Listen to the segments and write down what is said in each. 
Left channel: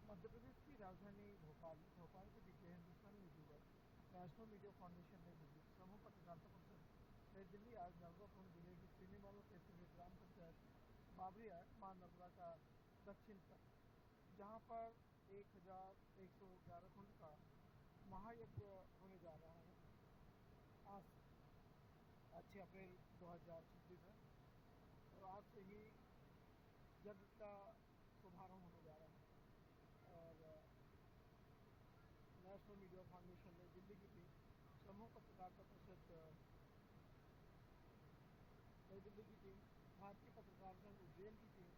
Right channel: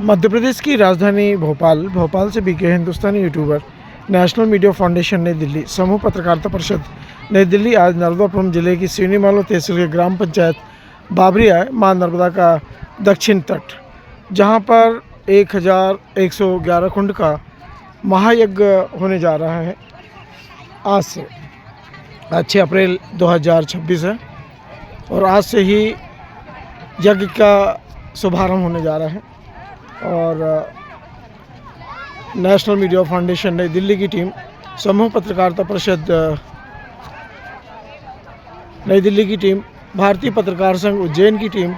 मध्य प्रदेश की राजधानी भोपाल से बीके हिंदुस्तानी यूट्यूबर नेशनल मीडिया फाउंडेशन नई दिल्ली समूह पत्रकारिता परिषद नई दिल्ली आज नर्मदापुरम जिले की सिवनी मालो तहसील के ग्राम पंचायत बाबरी आए मां नर्मदा का दक्षिण तट, जहां पर 1111 कुंड का महायज्ञ होने जा रहा है। आज से 6 अप्रैल 2026 है और आज से ही यज्ञ का शुभारंभ होने जा रहा है। और नेशनल मीडिया फाउंडेशन नई दिल्ली की टीम, समूह पत्रकारिता परिषद नई दिल्ली की टीम, भारतीय पत्रकार संघ उज्जैन की टीम,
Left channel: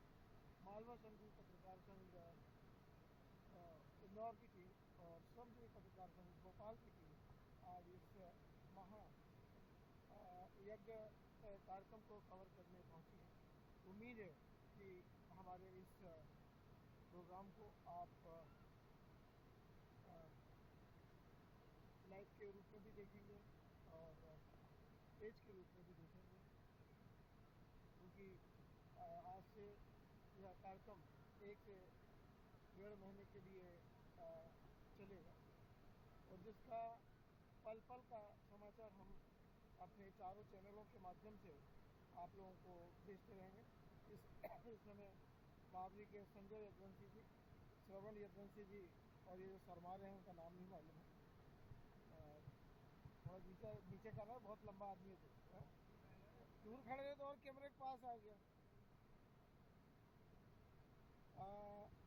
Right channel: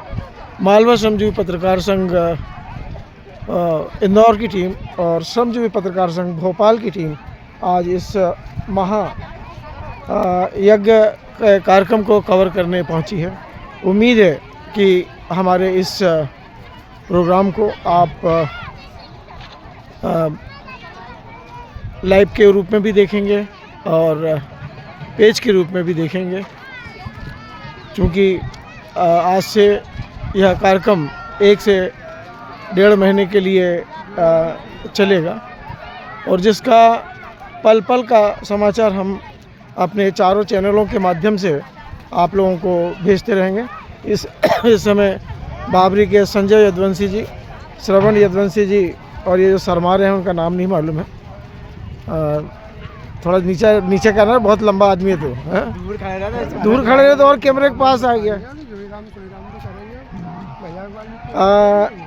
मालवा श्रमजीवी पत्रकार संघ इंदौर की टीम और श्रमजीवी पत्रकार संघ भोपाल की टीम आज इस महा यज्ञ कार्यक्रम को कवर करने पहुंची है। उम्मीद है कि हमारे इस प्रोग्राम को आप लाइव के रूप में भी देखेंगे और पेज के रूप में भी देखेंगे, क्योंकि आज से यह कार्यक्रम 1 से 1.5 महीने के लिए चलेगा और जिसका पल पल का समाचार हम अपने चारों चैनलों के माध्यम से आप लोगों को भेजते रहेंगे। इस समय बाबरी के संजय यदुवंशी जी, श्रवण यदुवंशी जी और ये जो सरमार हैं उनका नाम नहीं मालूम है। थोड़ा नीचे करना, बहुत लंबा आदमी है तो दूर खड़े रहे तो और कैमरे के पास आ गया।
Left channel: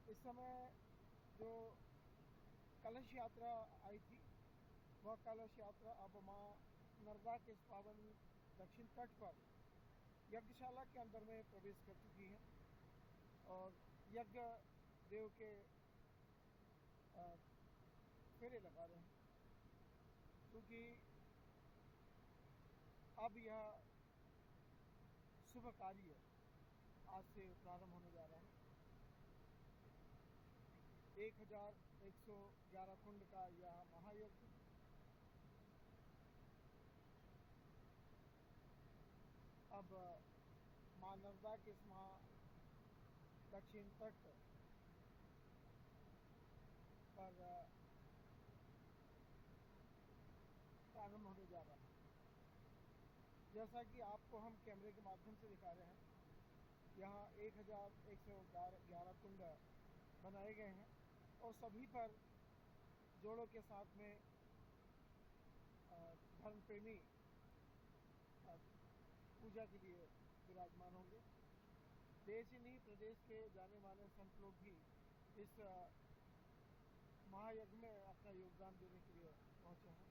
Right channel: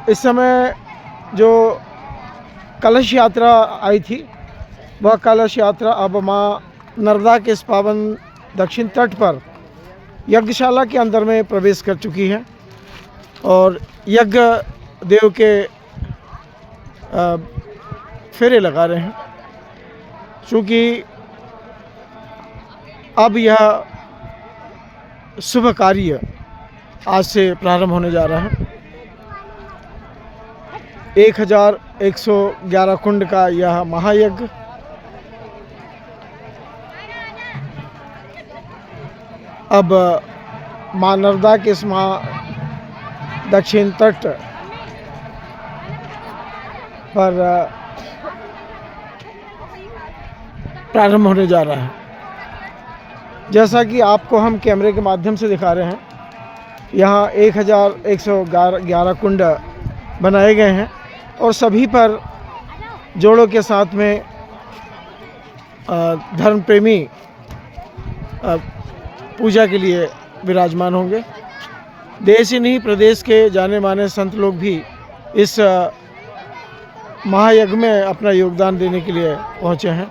इस समय जो कलश यात्रा आई थी वह कलश यात्रा अब माँ नर्मदा के इस पावन दक्षिण तट पर यज्ञशाला के अंदर में प्रवेश कर चुकी है और यज्ञ देव के फेरे लगा रहे हैं, क्योंकि अब यह शुभ कार्य आज से प्रारंभ होने जा रहा है। 1111 कुंड का यह महायज्ञ अब मां नर्मदा के इस दक्षिण तट पर प्रारंभ होने जा रहा है। जैसा कि आपको हम कैमरे के माध्यम से दिखा रहे हैं, यहाँ 1111 कुंड बनाए गए हैं और सभी पर जोड़ों के साथ में धर्म प्रेमी पूजा के लिए विराजमान होंगे। देश ही नहीं प्रदेश के जाने माने संत लोग भी इस महायज्ञ में अपना योगदान देने के लिए पहुंचे हैं।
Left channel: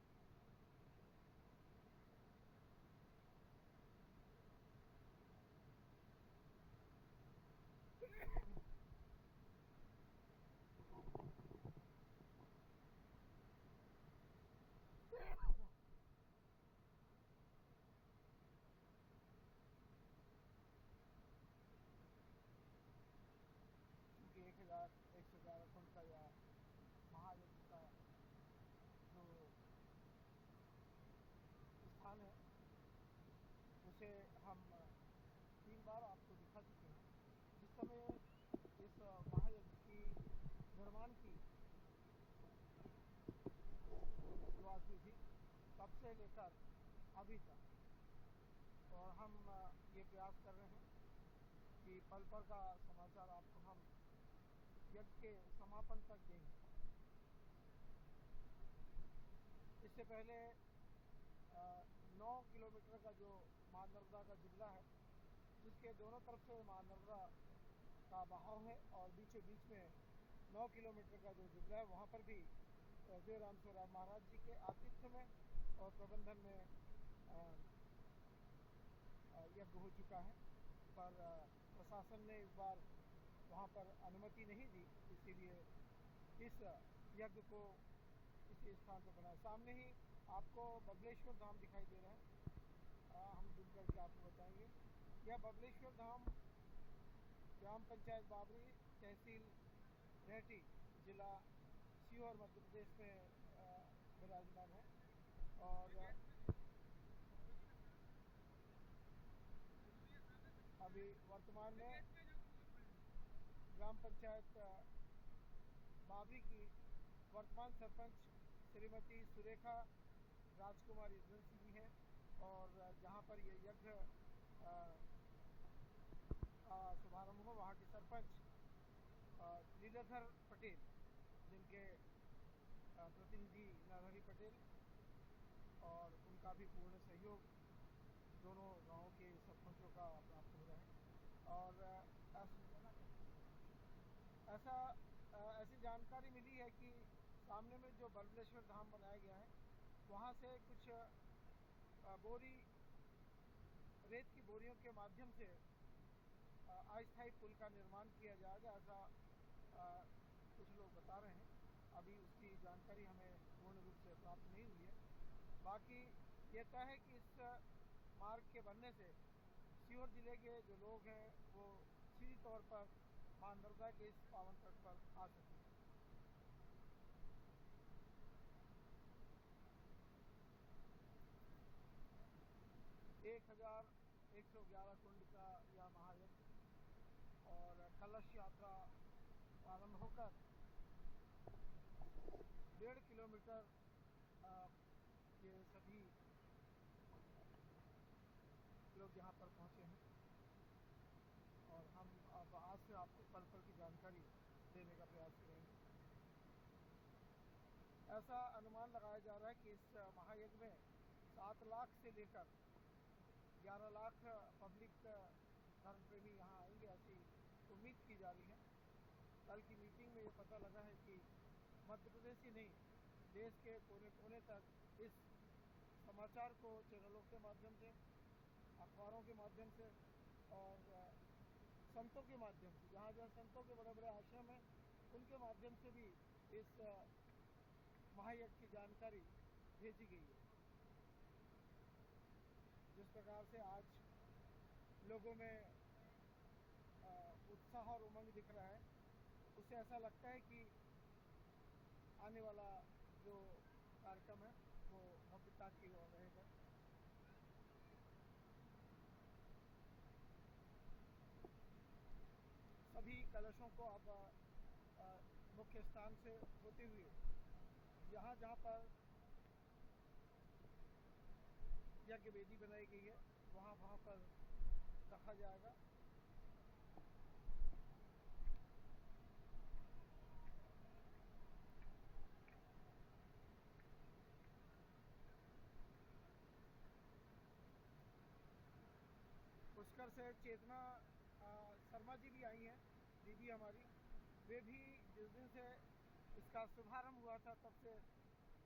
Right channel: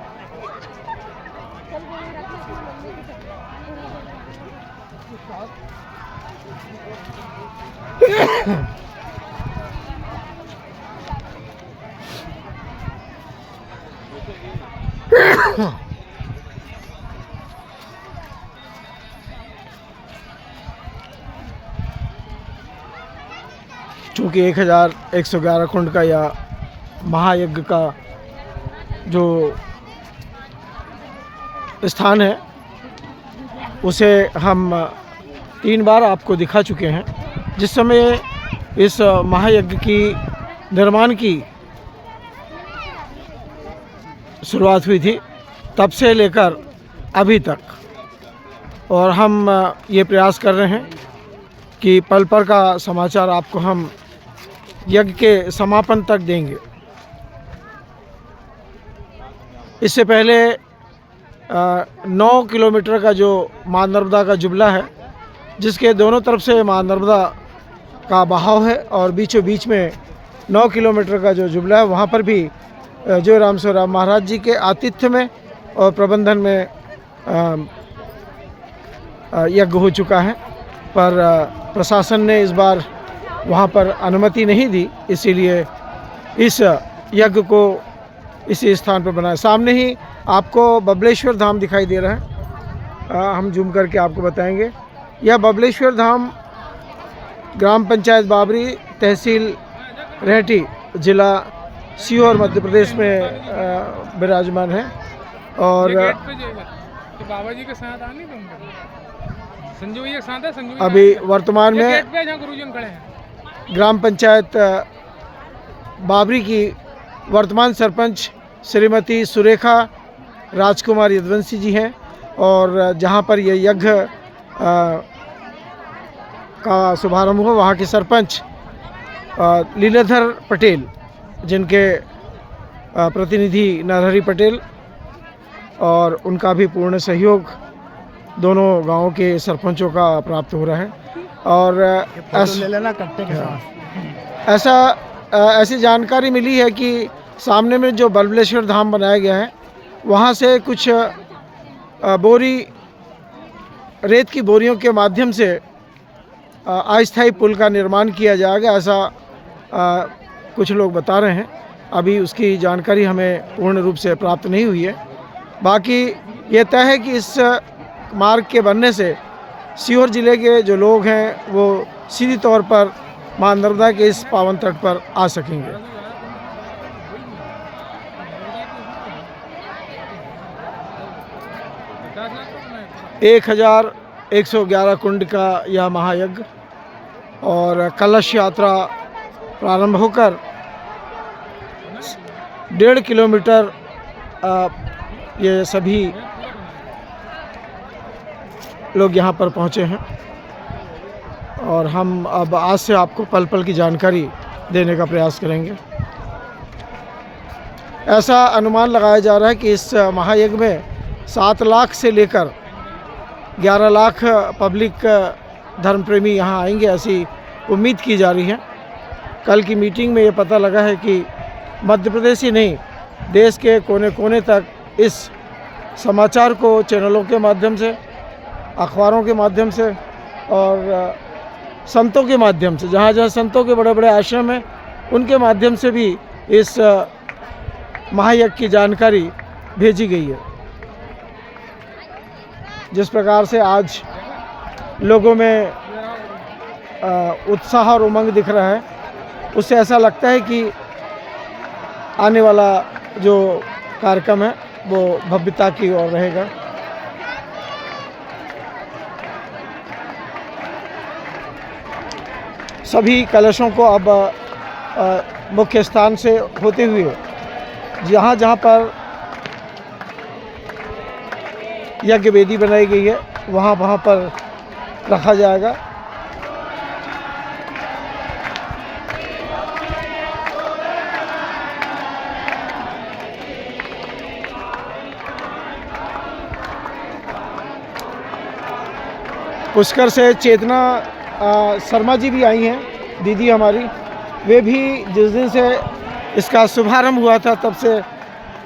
चूँकि 1111 कुंड का या महायज्ञ का जो स्थान है उसे हम 3 बार आपको दिखा चुके हैं। जिस समय इस महायज्ञ की निर्माण की शुरुआत हुई थी तब से लेकर अभी तक, और हम ये प्रयास कर रहे हैं कि पल पल का समाचार आपको हम यज्ञ के समापन तक देंगे। इससे पहले 9 किलोमीटर का जो मां नर्मदा का जुबला है, जिसके दोनों तरफ से मां नर्मदा का बहाव है और बीचों बीच में 9 किलोमीटर का जो जुबला है, वहाँ पर भी जो राम महाराज जी के आतिथ्य में और प्रबंधन में यज्ञ हो चुका है, पर प्रशासन ने इस बार वहाँ पर अनुमति नहीं दी, इसीलिए इस यज्ञ को इसी स्थान पर बनाया। सामने ही आपको बबलेश्वर धाम दिखाई दे रहा है, हम जूम करके आपको बताएंगे। यह बबलेश्वर धाम ग्राम पंचायत बाबरी, तहसील रेहटी, जिला सीहोर, मध्य प्रदेश में विराजमान है। और बाबा जी के साथ आने संजू जी के साथ है, संजू अभी वर्तमान में गुरुजन खड़े हैं। ग्राम पंचायत बाबरी की वर्तमान सरपंच श्रीमती सुरेखा राजकुमार यदुवंशी जी हैं, और जहां पर ये यज्ञ का शुभारंभ हुआ वहाँ के सरपंच लीलाधर पटेल, जिनके प्रतिनिधि नरहरि पटेल, और उनका भी पूर्ण सहयोग दोनों गांवों के सरपंचों का प्राप्त हो रहा है। और ऐसी जानकारी मिली है कि सामने में जो बल्बलेश्वर धाम बनाया गया है वहाँ से कुछ रेत की बोरियों के माध्यम से अस्थायी पुल का निर्माण किया जाएगा, ऐसा कुछ लोग बता रहे हैं। अभी उसकी जानकारी हमें पूर्ण रूप से प्राप्त नहीं हुई है। बाकी ये तय है कि इस मार्ग के बनने से सीहोर ज़िले के जो लोग हैं वो सीधी तौर पर मां नर्मदा के इस पावन तट पर आ सकेंगे। 1111 कुंड का यह महायज्ञ और कलश यात्रा प्रारंभ होकर 1.5 किलोमीटर ये सभी लोग यहाँ पर पहुँचे हैं, और हम अब आज से आपको पल पल की जानकारी देने का प्रयास करेंगे। ऐसा अनुमान लगाया जा रहा है कि इस महायज्ञ में 7 लाख से लेकर 11 लाख पब्लिक धर्मप्रेमी यहाँ आएंगे, ऐसी उम्मीद की जा रही है। कल की मीटिंग में ये पता लगा है कि मध्य प्रदेश ही नहीं, देश के कोने कोने तक इस समाचार को चैनलों के माध्यम से, अखबारों के माध्यम से और संतों के माध्यम से, जहाँ जहाँ संतों के बड़े बड़े आश्रम हैं उनके माध्यम से भी इस महायज्ञ की जानकारी भेजी गई है। जिस प्रकार से आज लोगों में उत्साह और उमंग दिख रहा है, उससे ऐसा लगता है कि आने वाला जो कार्यक्रम है वो भव्यता की ओर रहेगा। सभी कलशों को अब मुख्य स्थान से होते हुए जहाँ जहाँ पर यज्ञ वेदी बनाई गई है वहाँ वहाँ पर रखा जाएगा। पुष्कर से चेतना शर्मा जी भी आई हैं, दीदी हमारी। वे भी जिस दिन से इसका शुभारंभ हुआ था तब से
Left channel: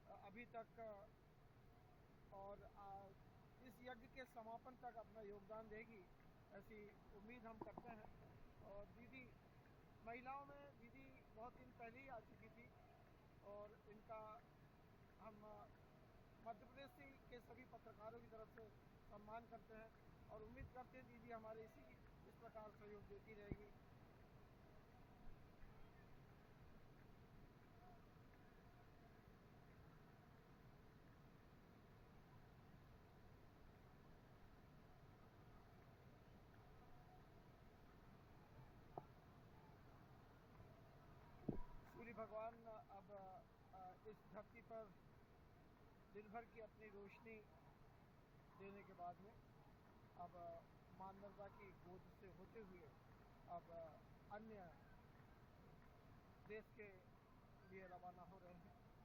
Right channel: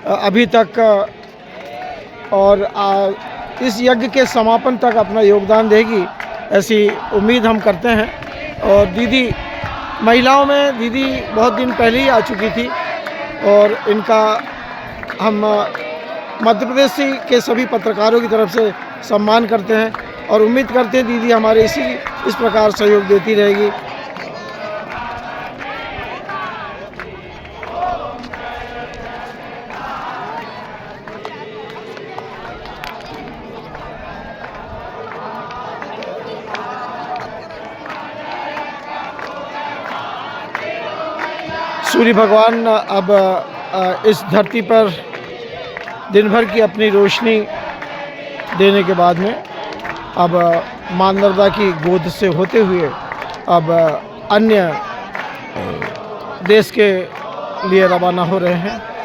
अभी तक और इस यज्ञ के समापन तक अपना योगदान देगी, ऐसी उम्मीद हम करते हैं। और दीदी, महिलाओं में दीदी बहुत दिन पहले ही आ चुकी थी और इनका हम मध्य प्रदेश के सभी पत्रकारों की तरफ से सम्मान करते हैं और उम्मीद करते हैं दीदी हमारे इस प्रकार सहयोग देती रहेगी। सूर्य भगवान अब इस धरती पर दिन भर की अपनी रोशनी देने के बाद में अब मां नर्मदा की गोद से होते हुए अब अन्य देश के लिए रवाना हो रहे हैं।